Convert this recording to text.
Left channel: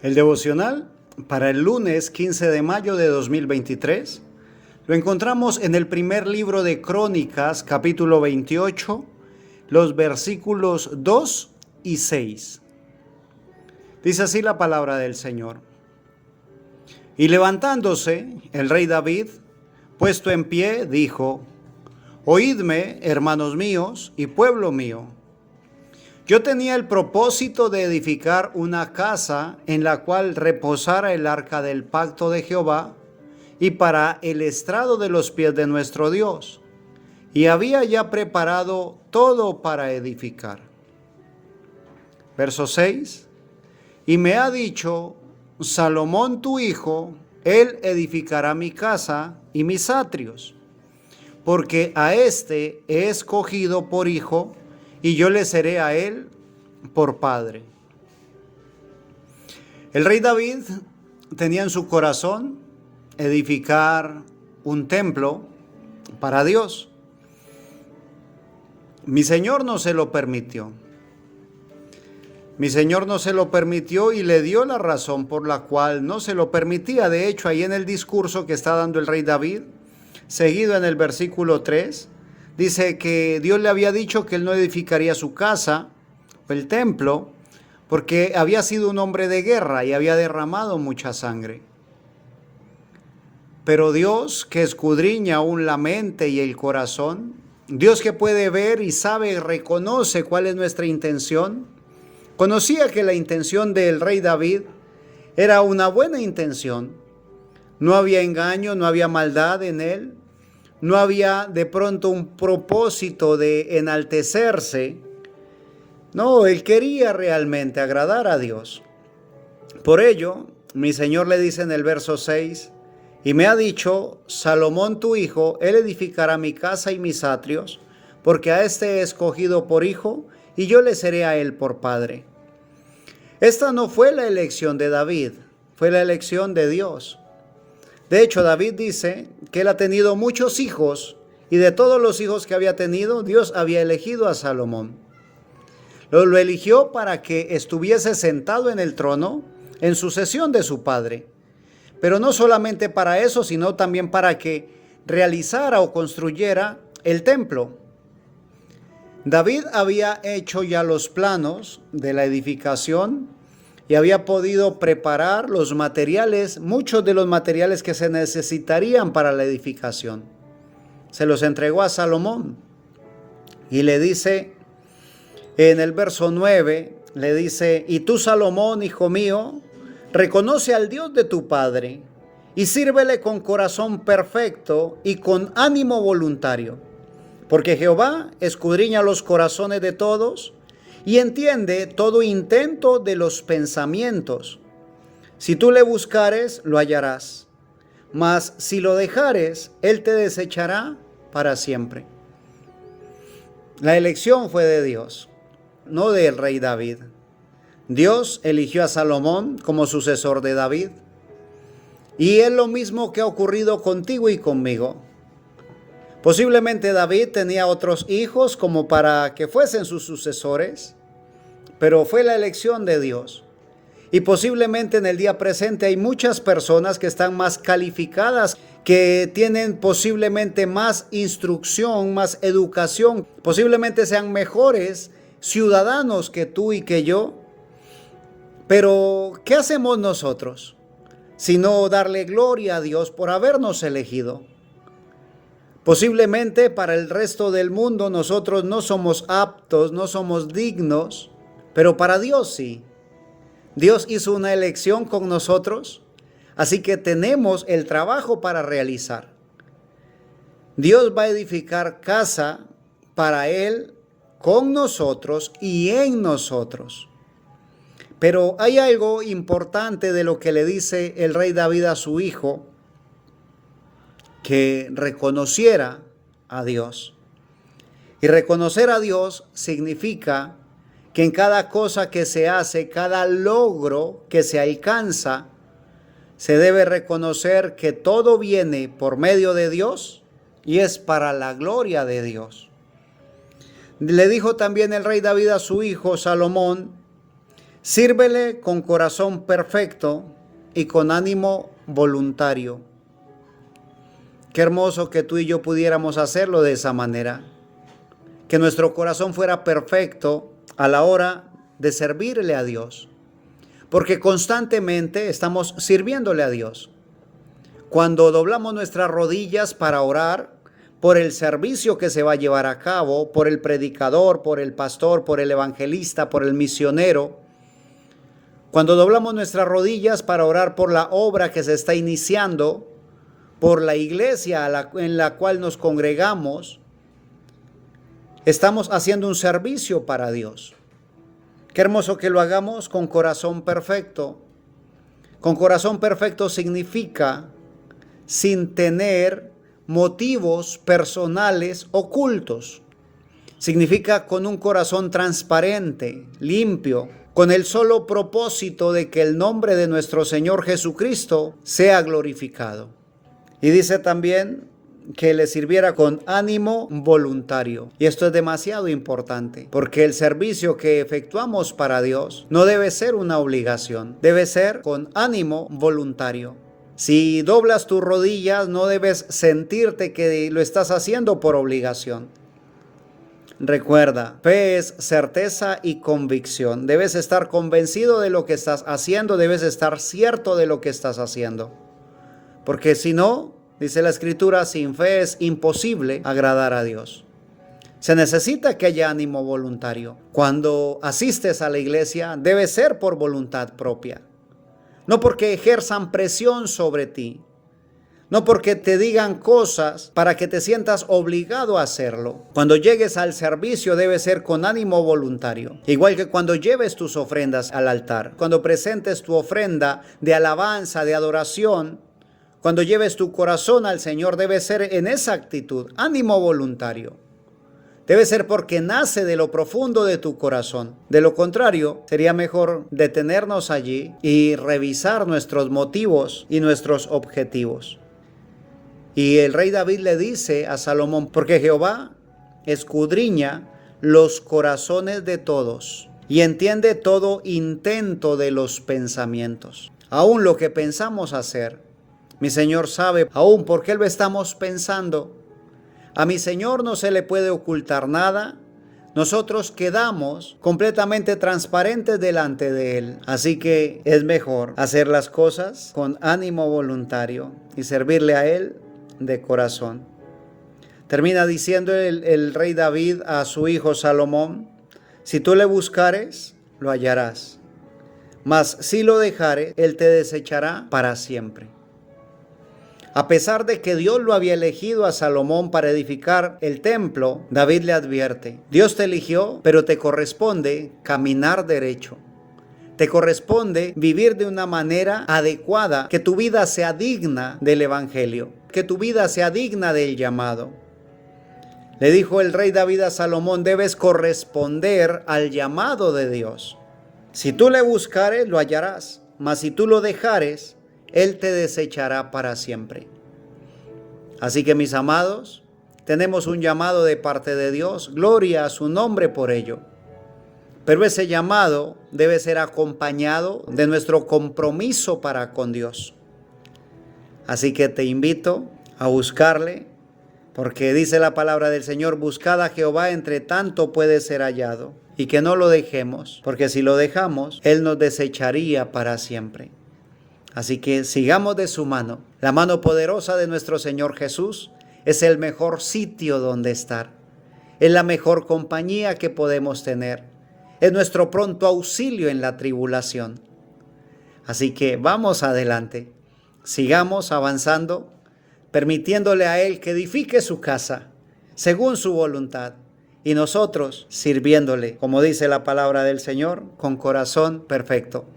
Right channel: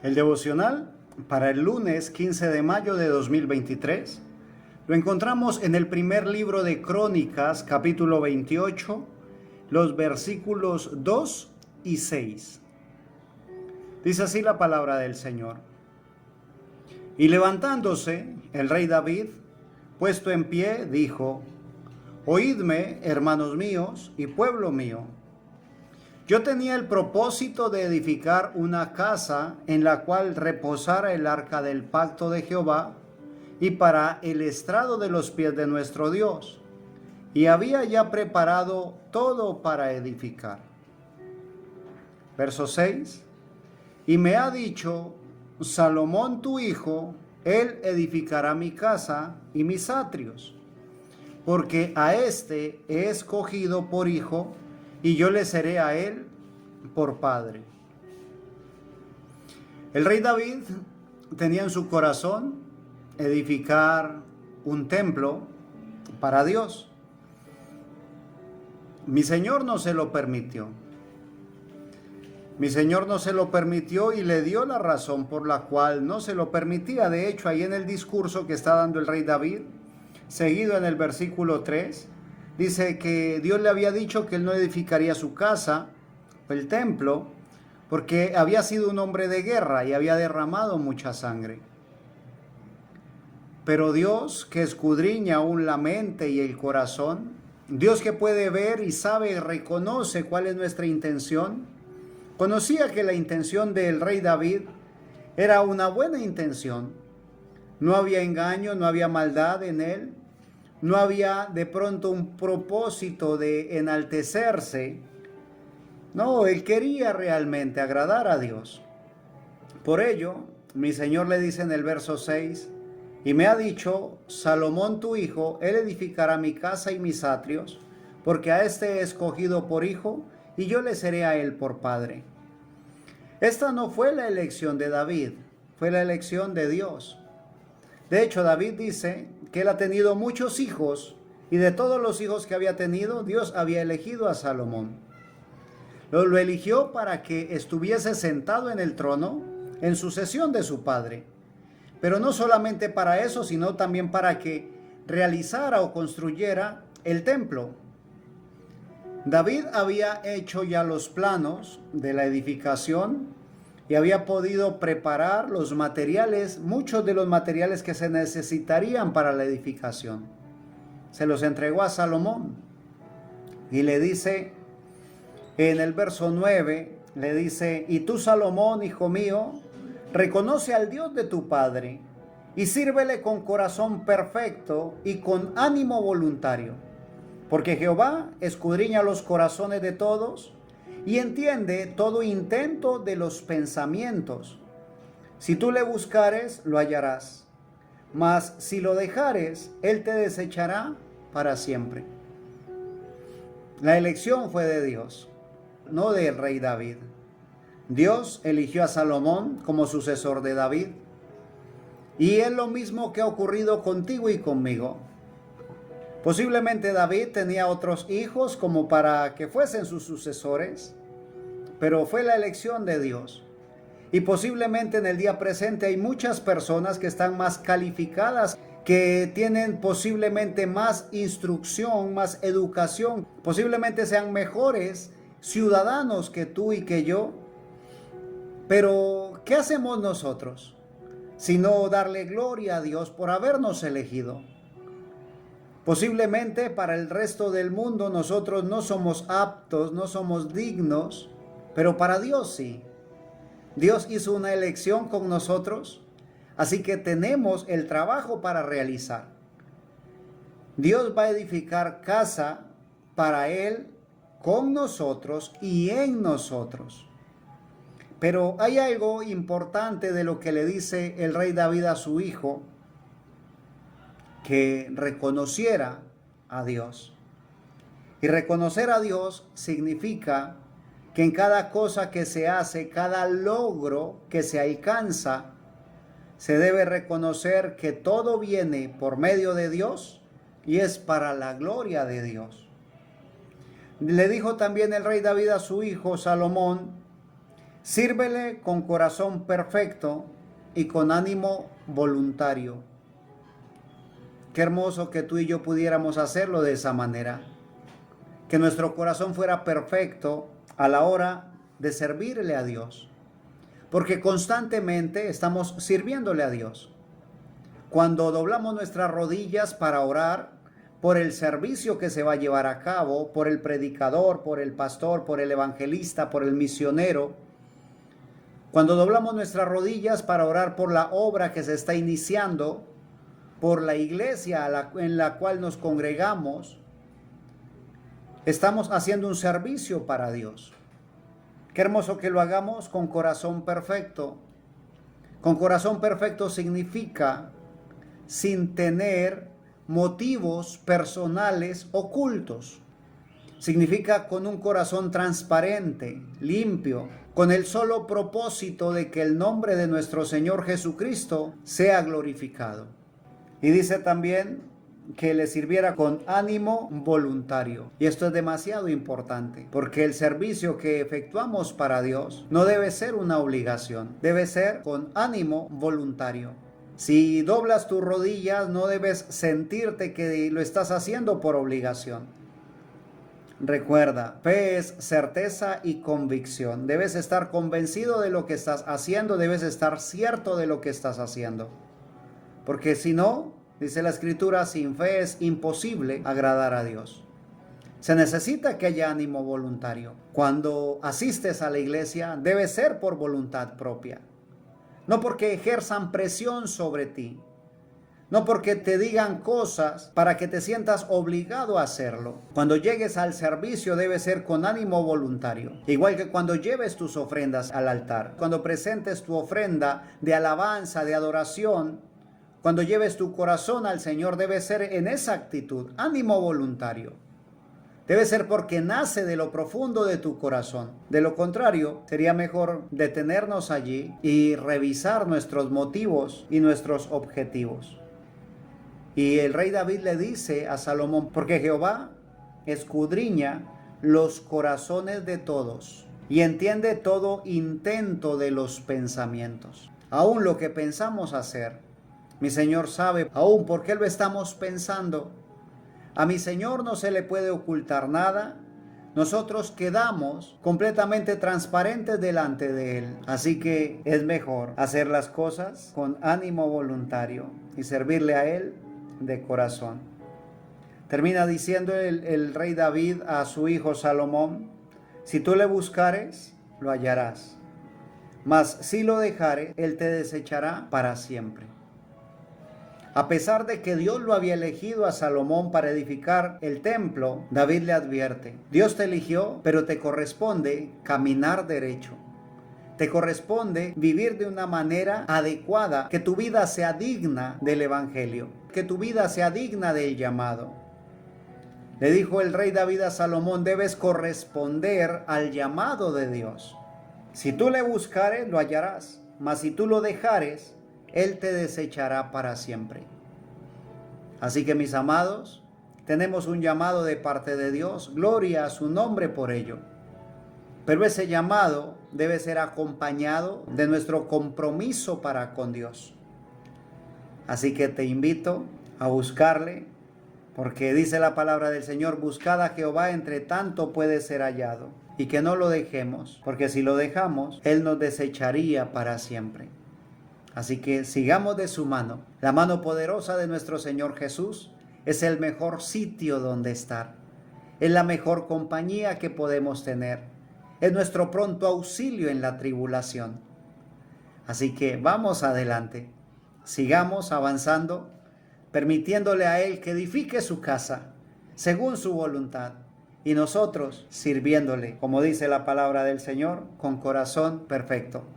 El devocional para el lunes 15 de mayo de 2023 lo encontramos en el primer libro de Crónicas, capítulo 28, los versículos 2 y 6. Dice así la palabra del Señor. Y levantándose el rey David, puesto en pie, dijo: Oídme, hermanos míos y pueblo mío. Yo tenía el propósito de edificar una casa en la cual reposara el arca del pacto de Jehová y para el estrado de los pies de nuestro Dios. Y había ya preparado todo para edificar. Verso 6. Y me ha dicho: Salomón tu hijo, él edificará mi casa y mis atrios, porque a éste he escogido por hijo, y yo le seré a él por padre. El rey David tenía en su corazón edificar un templo para Dios. Mi Señor no se lo permitió. Mi Señor no se lo permitió y le dio la razón por la cual no se lo permitía. De hecho, ahí en el discurso que está dando el rey David, seguido en el versículo 3, dice que Dios le había dicho que él no edificaría su casa, el templo, porque había sido un hombre de guerra y había derramado mucha sangre. Pero Dios, que escudriña aún la mente y el corazón, Dios que puede ver y sabe y reconoce cuál es nuestra intención, conocía que la intención del rey David era una buena intención. No había engaño, no había maldad en él. No había de pronto un propósito de enaltecerse. No, él quería realmente agradar a Dios. Por ello, mi Señor le dice en el verso 6, y me ha dicho: Salomón tu hijo, él edificará mi casa y mis atrios, porque a este he escogido por hijo, y yo le seré a él por padre. Esta no fue la elección de David, fue la elección de Dios. De hecho, David dice que él ha tenido muchos hijos y de todos los hijos que había tenido, Dios había elegido a Salomón. Lo eligió para que estuviese sentado en el trono en sucesión de su padre. Pero no solamente para eso, sino también para que realizara o construyera el templo. David había hecho ya los planos de la edificación y había podido preparar los materiales, muchos de los materiales que se necesitarían para la edificación. Se los entregó a Salomón y le dice en el verso 9, le dice: y tú, Salomón, hijo mío, reconoce al Dios de tu padre y sírvele con corazón perfecto y con ánimo voluntario, porque Jehová escudriña los corazones de todos y entiende todo intento de los pensamientos. Si tú le buscares, lo hallarás, mas si lo dejares, él te desechará para siempre. La elección fue de Dios, no del rey David. Dios eligió a Salomón como sucesor de David. Y es lo mismo que ha ocurrido contigo y conmigo. Posiblemente David tenía otros hijos como para que fuesen sus sucesores, pero fue la elección de Dios. Y posiblemente en el día presente hay muchas personas que están más calificadas, que tienen posiblemente más instrucción, más educación, posiblemente sean mejores ciudadanos que tú y que yo. Pero, ¿qué hacemos nosotros? Sino darle gloria a Dios por habernos elegido. Posiblemente para el resto del mundo nosotros no somos aptos, no somos dignos, pero para Dios sí. Dios hizo una elección con nosotros, así que tenemos el trabajo para realizar. Dios va a edificar casa para Él, con nosotros y en nosotros. Pero hay algo importante de lo que le dice el rey David a su hijo: que reconociera a Dios. Y reconocer a Dios significa que en cada cosa que se hace, cada logro que se alcanza, se debe reconocer que todo viene por medio de Dios y es para la gloria de Dios. Le dijo también el rey David a su hijo Salomón: Sírvele con corazón perfecto y con ánimo voluntario. Qué hermoso que tú y yo pudiéramos hacerlo de esa manera. Que nuestro corazón fuera perfecto a la hora de servirle a Dios. Porque constantemente estamos sirviéndole a Dios. Cuando doblamos nuestras rodillas para orar por el servicio que se va a llevar a cabo, por el predicador, por el pastor, por el evangelista, por el misionero, cuando doblamos nuestras rodillas para orar por la obra que se está iniciando, por la iglesia en la cual nos congregamos, estamos haciendo un servicio para Dios. Qué hermoso que lo hagamos con corazón perfecto. Con corazón perfecto significa sin tener motivos personales ocultos. Significa con un corazón transparente, limpio, con el solo propósito de que el nombre de nuestro Señor Jesucristo sea glorificado. Y dice también que le sirviera con ánimo voluntario. Y esto es demasiado importante, porque el servicio que efectuamos para Dios no debe ser una obligación, debe ser con ánimo voluntario. Si doblas tus rodillas, no debes sentirte que lo estás haciendo por obligación. Recuerda, fe es certeza y convicción. Debes estar convencido de lo que estás haciendo, debes estar cierto de lo que estás haciendo. Porque si no, dice la Escritura, sin fe es imposible agradar a Dios. Se necesita que haya ánimo voluntario. Cuando asistes a la iglesia, debe ser por voluntad propia. No porque ejerzan presión sobre ti. No porque te digan cosas para que te sientas obligado a hacerlo. Cuando llegues al servicio debe ser con ánimo voluntario. Igual que cuando lleves tus ofrendas al altar. Cuando presentes tu ofrenda de alabanza, de adoración. Cuando lleves tu corazón al Señor debe ser en esa actitud. Ánimo voluntario. Debe ser porque nace de lo profundo de tu corazón. De lo contrario, sería mejor detenernos allí y revisar nuestros motivos y nuestros objetivos. Y el rey David le dice a Salomón, porque Jehová escudriña los corazones de todos y entiende todo intento de los pensamientos. Aún lo que pensamos hacer, mi Señor sabe aún por qué lo estamos pensando. A mi Señor no se le puede ocultar nada. Nosotros quedamos completamente transparentes delante de Él. Así que es mejor hacer las cosas con ánimo voluntario y servirle a Él de corazón. Termina diciendo el rey David a su hijo Salomón, si tú le buscares, lo hallarás. Mas si lo dejares, Él te desechará para siempre. A pesar de que Dios lo había elegido a Salomón para edificar el templo, David le advierte, Dios te eligió, pero te corresponde caminar derecho. Te corresponde vivir de una manera adecuada, que tu vida sea digna del evangelio, que tu vida sea digna del llamado. Le dijo el rey David a Salomón, debes corresponder al llamado de Dios. Si tú le buscares, lo hallarás, mas si tú lo dejares, Él te desechará para siempre. Así que mis amados, tenemos un llamado de parte de Dios, gloria a su nombre por ello. Pero ese llamado debe ser acompañado de nuestro compromiso para con Dios. Así que te invito a buscarle, porque dice la palabra del Señor, buscad a Jehová entre tanto puede ser hallado. Y que no lo dejemos, porque si lo dejamos, Él nos desecharía para siempre. Así que sigamos de su mano. La mano poderosa de nuestro Señor Jesús es el mejor sitio donde estar. Es la mejor compañía que podemos tener. Es nuestro pronto auxilio en la tribulación. Así que vamos adelante. Sigamos avanzando, permitiéndole a Él que edifique su casa según su voluntad. Y nosotros sirviéndole, como dice la palabra del Señor, con corazón perfecto.